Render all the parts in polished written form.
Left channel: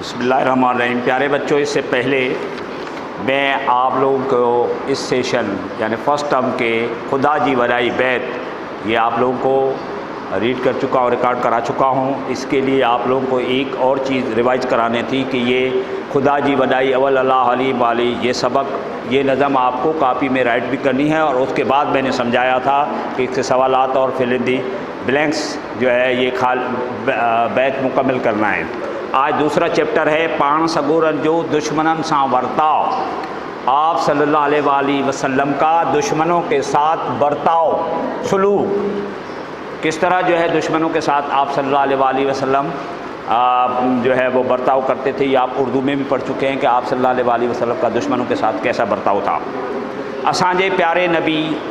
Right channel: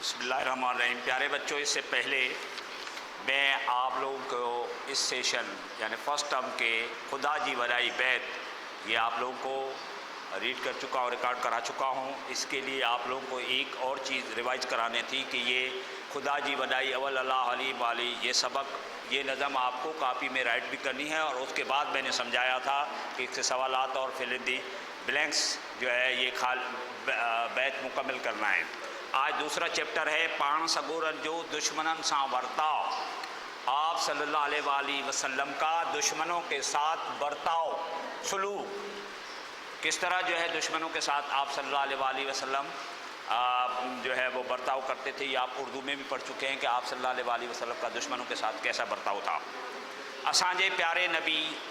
بسم اللہ الرحمن الرحیم۔ پیارے بچوں، اس سے پہلے میں آپ لوگوں کو اس سیشن یعنی فرسٹ ٹرم کے خدا جی وڈائی بیت یہ آپ لوگوں کو ریڈ کر چکا اور ریکارڈ کرا چکا ہوں۔ اس کے لیے آپ لوگوں کو ایک اور چیز ریوائز کرانے تھی کہ یہ خدا جی وڈائی اول اللہ علی والی یہ سبق یہ نظم آپ کو کاپی میں رائٹ بھی کرنی ہے، اور اس کے بعد میں نے سمجھایا تھا کہ اس کے سوالات اور فل ان دی بلینکس جو ہے یہ بیت مکمل کرنا ہے۔ آج دوسرا چیپٹر ہے پان سگورن جو دشمنن سا برتاؤ۔ آپ صلی اللہ علیہ وآلہ وسلم کا دشمنوں کے ساتھ برتاؤ، سلوک کس طرح جو ہے دشمنوں کے ساتھ آپ صلی اللہ علیہ وآلہ وسلم جو ہے وہ برتاؤ کرتے تھے۔ یہ آپ اردو میں بھی پڑھ چکے ہیں کہ آپ صلی اللہ علیہ وآلہ وسلم کا دشمنوں کے ساتھ کیسا برتاؤ تھا۔ اسانجے پیارے نبی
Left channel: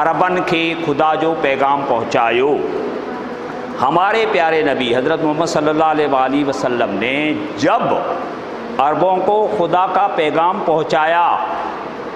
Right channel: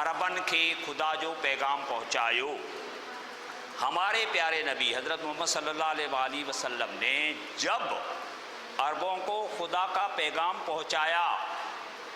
عربن کے خدا جو پیغام پہنچایو۔ ہمارے پیارے نبی حضرت محمد صلی اللہ علیہ وآلہ وسلم نے جب عربوں کو خدا کا پیغام پہنچایا،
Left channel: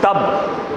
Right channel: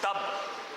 تب،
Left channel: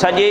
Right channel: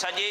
سجے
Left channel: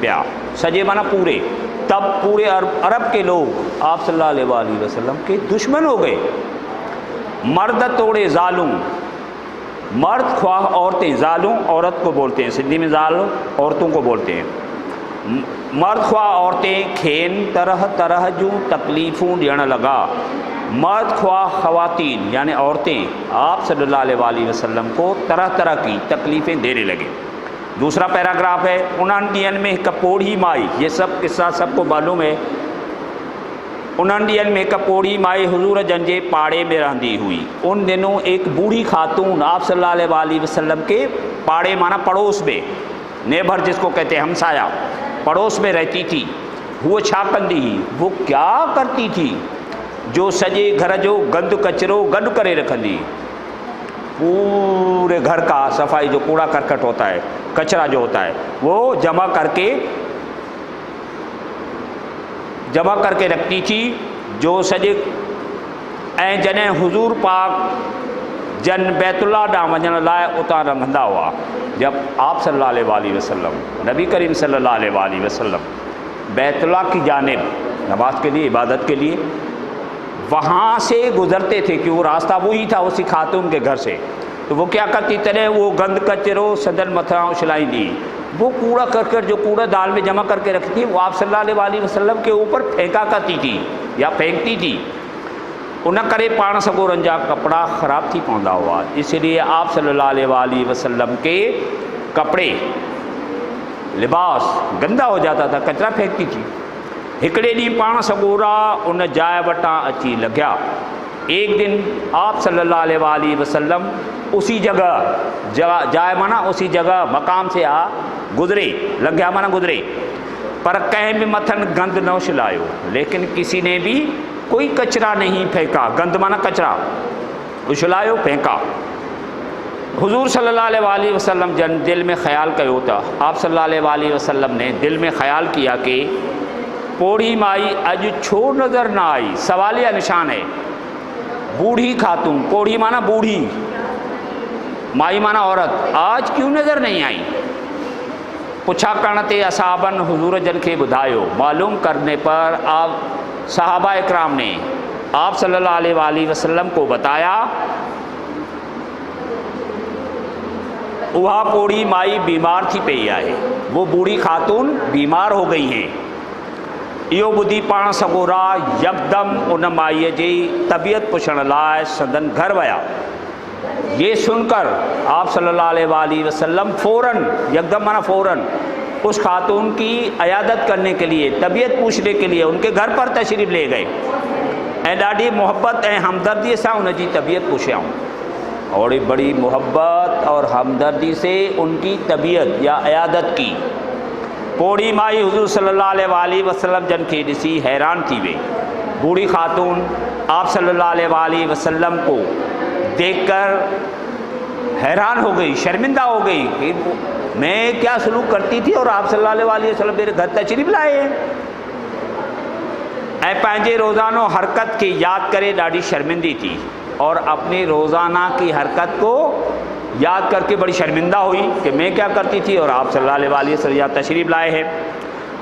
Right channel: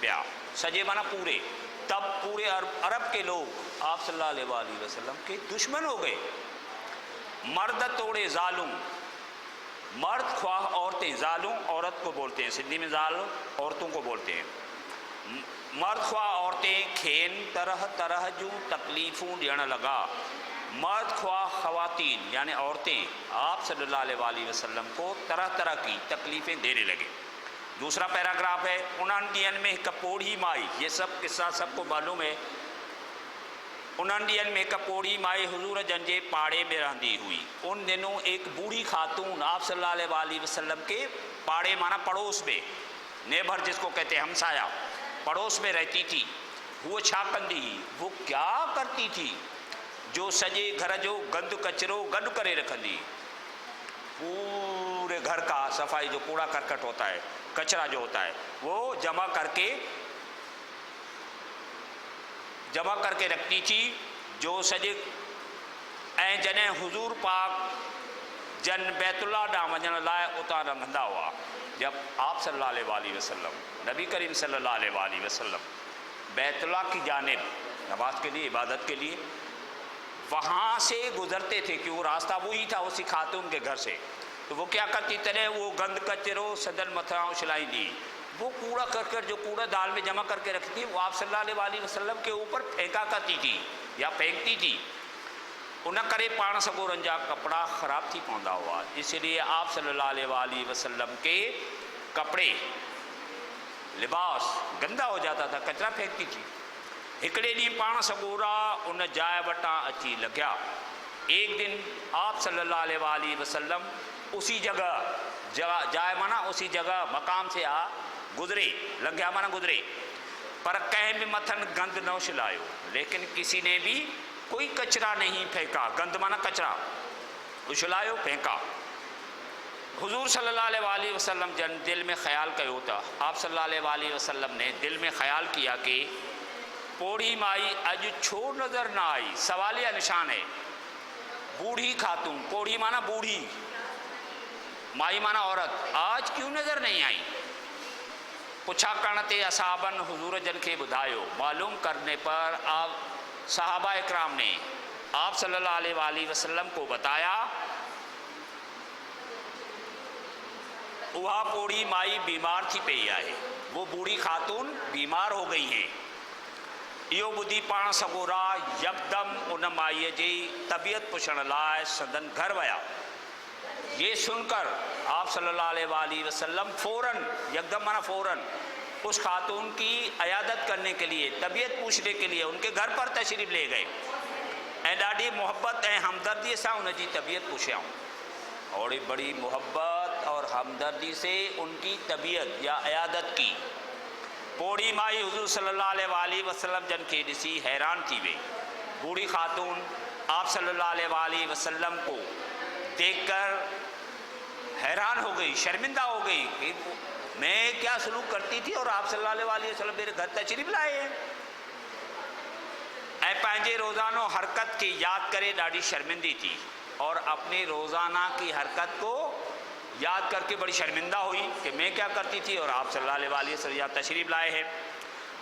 پیا۔ سجے مانا پورے، تب پورے عرب کے لوگ آپ صلی اللہ علیہ وآلہ وسلم کے دشمن ہو گئے۔ مرد توڑے ظالم، مرد خواہ عورتیں، ظالم عورت کو بولتے ہیں، سندھی میں ظالم عورتوں کو بولتے ہیں۔ مرد خواہ عورتیں کھین طرح طرح جو تکلیفوں ڈیڑھ لگا۔ مرد خواہ خواتین یعنی عورتیں آپ صلی اللہ علیہ وآلہ وسلم کو طرح طرح کی تکلیفیں دینے لگے۔ دوسرا پیراگراف ہے انہن ڈین میں ایک پوڑھی مائی، یہ سب قصہ سب کو معلوم ہے۔ انہن ڈین میں ایک پوڑھی مائی حضور جن جے پاڑے میں رہندی ہوئی۔ ان دنوں ایک بوڑھی خاتون آپ صلی اللہ علیہ وآلہ وسلم کے پاڑے مانا پڑوس میں، نیبر جس کو کہتے ہیں ہمسایہ، پڑوس میں رہتی تھی۔ وہ چھا کندی ہی، وہ کیا کرتی تھی؟ جو سجے گھر جو گند کچرو گڈ کرے رکھندی، پورے گھر کا صفائی جو کوڑا کرکٹ ہوتا ہے، کچرا جو ہوتا ہے وہ جمع کر کے رکھتی تھی۔ جو سجے جنہیں حضور پاک جن بیت اللہ ڈاں وجن لائے اتاں رنگھندا ہوا۔ جب آپ صلی اللہ علیہ وآلہ وسلم نبی کریم صلی اللہ علیہ وآلہ وسلم بیت اللہ کی جانب نماز کے لیے، عبادت کے لیے وہاں سے گزرتے تھے کہ وہ راستہ وہی تھا اسی خاتون کے گھر سے، تو وہ کیا کرتی ترے وہ گند کچرو سدن متھاں اچھلائی دی، وہ کوڑا کرکٹ جو کوڑا دال میں جمع کر کے رکھتی تھی وہ آپ صلی اللہ علیہ وآلہ وسلم کے اوپر پھینکا کرتی تھی یا پھینکتی تھی۔ ان کرے پان سگورن جا کپڑا خراب تھی پوندا ہوا، اس لیے آپ صلی اللہ علیہ وآلہ وسلم کے کپڑے لباس گندا ہو جاتا تھا، کچرا پھینکتی تھی۔ ہکڑے ڈی پان سگورا ان جائے وٹاں اچی لگیا۔ ایک دن آپ صلی اللہ علیہ وآلہ وسلم اسی جگہ جائے مانا اسی جگہ مقام سے گزرے، لگیا مانا گزرے، پر کہیں بھی متھن گند نہ اچھلایو، لیکن کسی نے بھی کوئی کچرا نہیں پھینکا۔ گند مانا کچرا، اچھلایو پھینکا۔ حضور صلی اللہ علیہ وآلہ وسلم جن دل میں خیال کیو تھا، آپ صلی اللہ علیہ وآلہ وسلم نے دل میں خیال کیا کہ پوڑھی مائی اج چھو نظر نہ آئی۔ سوالیہ نشان ہے، بوڑھی خاتون، پوڑھی مانا بوڑھی، مائی مانا عورت، آج کیوں نظر نہیں آئی؟ پوچھا کرنے تے اصحابن حضور جن کے بدھایو، معلوم کرنے پر آپ صحابہ اکرام نے آپ صلی اللہ علیہ وآلہ وسلم کو بتایا وہاں پوڑھی مائی بیمار تھی پئی آئے، وہ بوڑھی خاتون بیمار ہو گئی ہیں۔ یہ بدھی پان سگورا یکدم ان مائی جی طبیعت پوچھن لائے سندن گھر ویا۔ یہ سن کر آپ صلی اللہ علیہ وآلہ وسلم فوراً، یکدم مانا فوراً، اس خاتون کی عیادت کرنے کے لیے، طبیعت پوچھنے کے لیے ان کے گھر پر تشریف لے گئے، ڈاڈی محبت ہمدردی سے ان کی طبیعت پوچھیاؤں، اور بڑی محبت اور ہمدردی سے ان کی طبیعت یا عیادت کی۔ پوڑھی مائی حضور صلی اللہ علیہ وآلہ وسلم جن کے ڈسی حیران تھی وے۔ بوڑھی خاتون آپ صلی اللہ علیہ وآلہ وسلم کو دیکھ کر حیران ہو گئی، شرمندہ ہو گئی کہ میں کیا سلوک کرتی تھی اور آپ صلی اللہ علیہ وآلہ وسلم میرے گھر تشریف لائے ہیں۔ پانجے روزانہ حرکت کی یاد کرے ڈاڑی شرمندی تھی، اور اپنی روزانہ کی حرکت کو یاد کر کے بڑی شرمندہ ہوئی کہ میں کیا کرتی تھی، اور آپ صلی اللہ علیہ وسلم تشریف لائے ہیں۔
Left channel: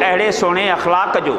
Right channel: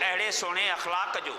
اہڑے سونے اخلاق جو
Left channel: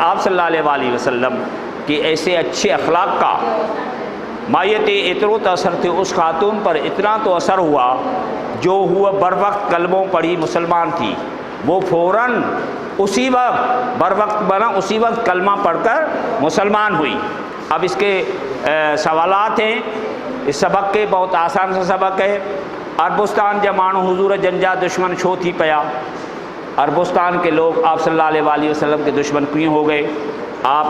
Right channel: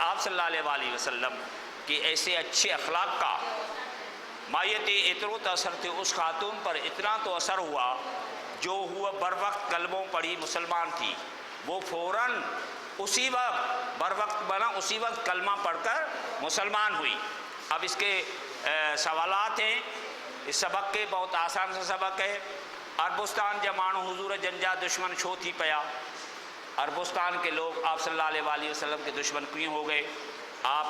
آپ صلی اللہ علیہ وسلم کے ایسے اچھے اخلاق کا مائیت اترو تو اثر تھے، اس خاتون پر اتنا تو اثر ہوا جو ہوا بر وقت کلموں پڑھی مسلمان تھی، وہ فوراً اسی وقت بر وقت بنا اسی وقت کلمہ پڑھ کر مسلمان ہوئی۔ اب اس کے سوالات ہیں، اس سبق کے بہت آسان سا سبق ہے۔ عربستان جا مانو حضور جنجا دشمن چھو تھی پیا، عربستان کے لوگ آپ صلی اللہ علیہ وسلم کے دشمن کیوں ہو گئے؟ آپ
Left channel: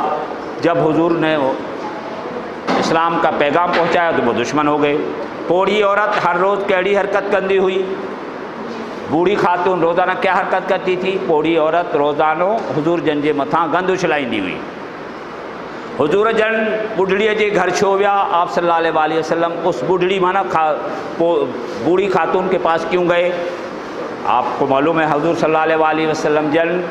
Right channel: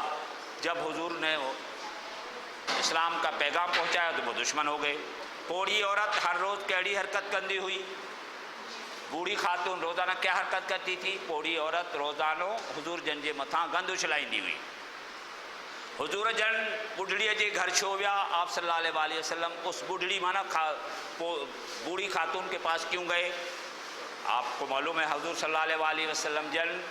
جب حضور نے اسلام کا پیغام پہنچایا تو وہ دشمن ہو گئے۔ پوڑی عورت ہر روز کیڑی حرکت کندی ہوئی، بوڑھی خاتون روزانہ کیا حرکت کرتی تھی؟ پوڑی عورت روزانہ حضور جن جے متھاں گند اچھلائیندی ہوئی۔ حضور جن بڈھڑی جے گھر چھو ویا آپ صلی اللہ علیہ وسلم، اس بڈھڑی مانا بوڑھی خاتون کے پاس کیوں گئے؟ آپ کو معلوم ہے حضور صلی اللہ علیہ وسلم جن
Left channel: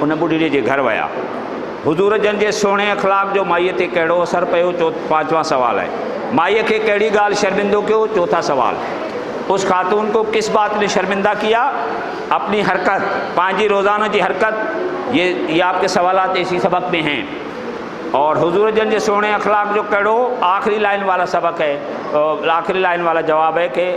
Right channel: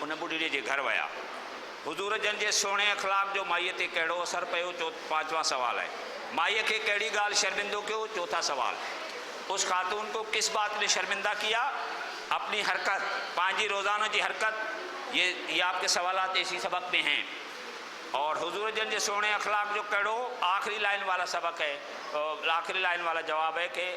ان بڈھڑی جے گھر ویا۔ حضور جن جے سونے اخلاق جو مائیے تے کہڑو اثر پیو؟ پانچواں سوال ہے، مائیے کے کیڑی گال شرمندو کیو؟ چوتھا سوال، اس خاتون کو کس بات نے شرمندہ کیا؟ اپنی حرکت، پانچی روزانہ جی حرکت، یہ آپ کے سوالات اسی سبق میں ہیں۔ اور حضور جن جے سونے اخلاق جو کہڑو آخری لائن والا سبق ہے، آخری لائن والا جواب ہے کہ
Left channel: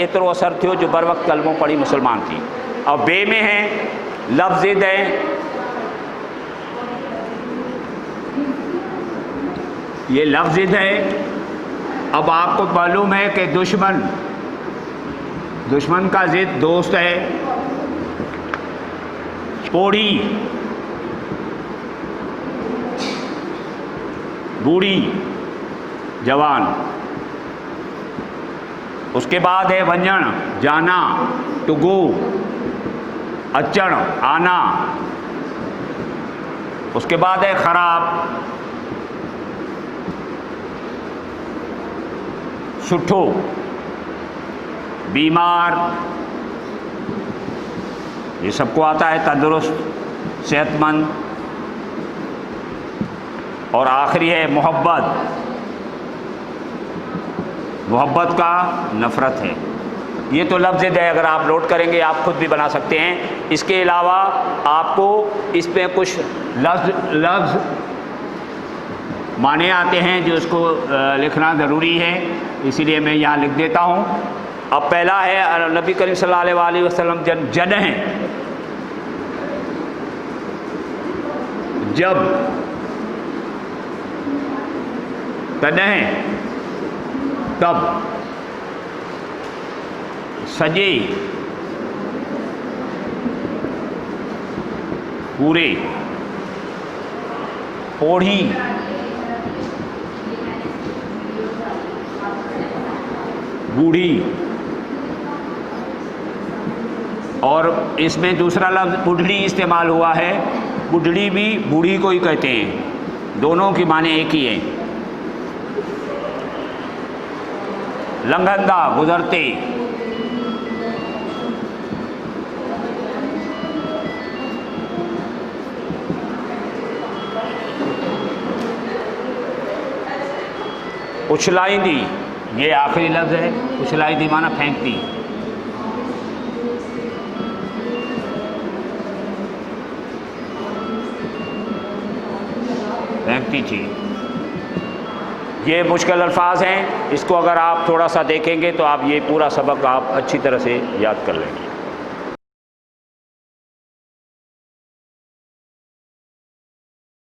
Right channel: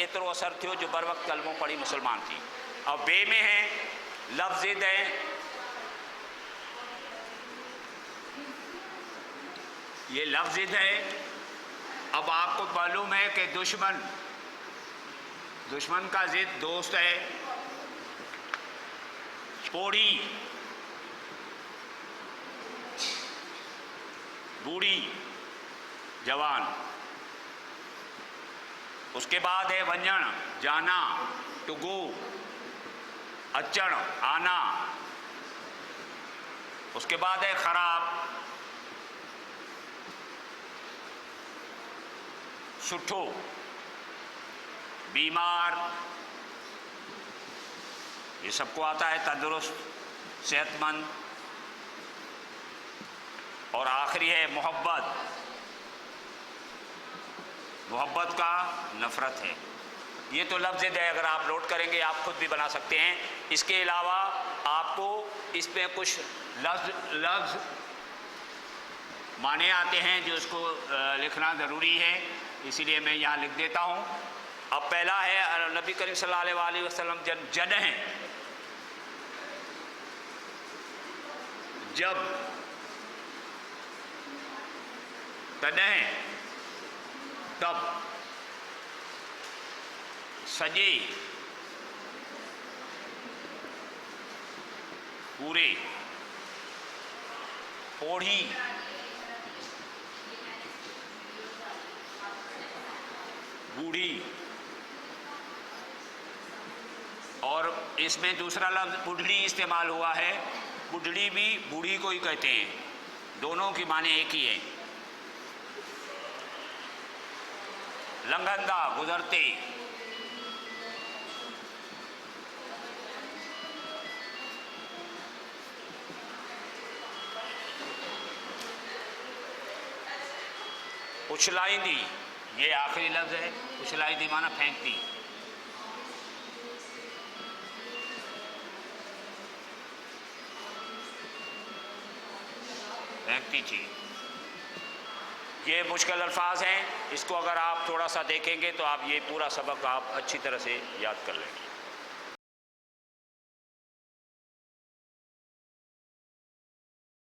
ایترو اثر تھیو جو بر وقت کلموں پڑھی مسلمان تھی۔ اور بے میں ہیں لفظ دیں، یہ لفظ ہے۔ اب آپ کو معلوم ہے کہ دشمن کا ضد دوست ہے۔ پوڑی، بوڑھی، جوان، اس کے بعد ہے ونجن، جانا، ٹو گو، اچن، آنا، اس کے بعد ہے خراب، سٹھو، بیمار، یہ سب کو آتا ہے، تندرست، صحت مند، اور آخری ہے محبت، محبت کا نفرت ہے۔ یہ تو لفظ ہے، اگر آپ نوٹ کریں گے آپ خود بھی بنا سکتے ہیں۔ اس کے علاوہ آپ کو اس میں کچھ لفظ معنی آتے ہیں جو اس کو لکھنا ضروری ہے، اسی لیے میں یہاں لکھ دیتا ہوں۔ اب پہلا ہے نبی کریم صلی اللہ علیہ وسلم جن ہیں، جب، تنہیں، تب، سجے، پورے، پوڑھی، بوڑھی، اور اس میں دوسرا لفظ بڈھڑی استعمال ہوا ہے۔ بڈھڑی بھی بوڑھی کو ہی کہتے ہیں، دونوں کی معنی ایک ہی ہے۔ لنگھندہ، گزرتے، اچھلائندی، یہ آخری لفظ ہے، اچھلائندی معنی پھینکتی، پھینکتی تھی۔ یہ مشکل الفاظ ہیں، اس کو اگر آپ تھوڑا سا دیکھیں گے تو آپ یہ پورا سبق آپ اچھی طرح سے یاد کر لیں گے۔